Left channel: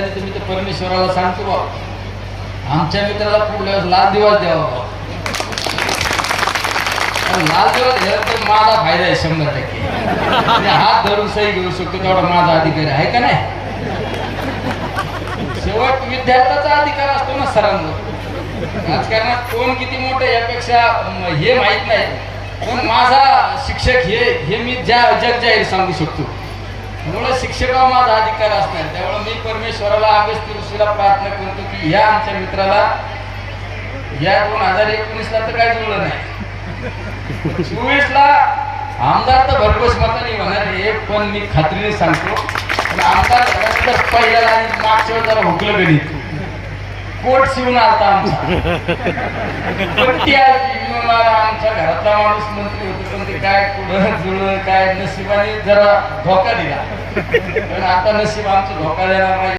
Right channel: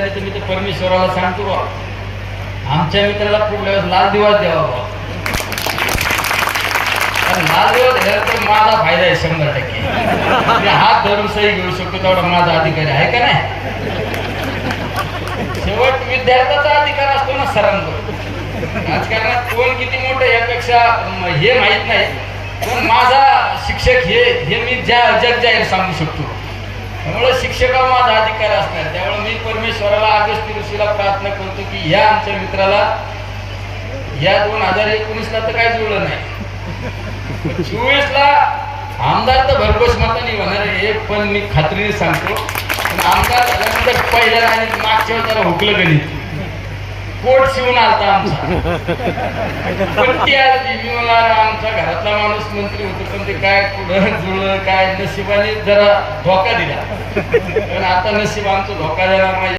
निमित्ताने मी तर परमेश्वराला सांगतो बा, आमच्या मित्राला पुढल्या वेळेस लाल दिवस द्यावा. लाल दिवस दिला तर माझा फायदा आहे 100%. मी हात धरून सही घेऊ शकतो तेवढा माझा अधिकारी आहे का नाही. शेवट विद्यार्थ्याचा अधिकार असतो ना सरांवर. राजकारणात कोण किती मोठं यापेक्षा हे माहित नाही, पण माझा शिक्षक हे मी जग जाहीर सांगू शकतो. त्यामुळे शिक्षका माझा अधिकार असणार. त्यामुळे मी परमेश्वराला अगस्त्य ऋषीला प्रार्थना करतो की या आमच्या मित्राला या 2019ला तर काय जुळलं नाही, 24ला आमदार तर भरघोस मताने होणार आहे. पण मी खात्रीने सांगतो, पण आमदार झाल्यानंतर पहिल्या आणि मागच्या वेळेला हुकलं गणित कोट शिवून आलता आमचा. पण ती आली आमच्या घरातला माणूस मंत्री होतो, पण ते काय पुढं जुळलं काय नशिबाने जरा धोका दिला. पण आता नशीब आमचा धोका देणार नाही.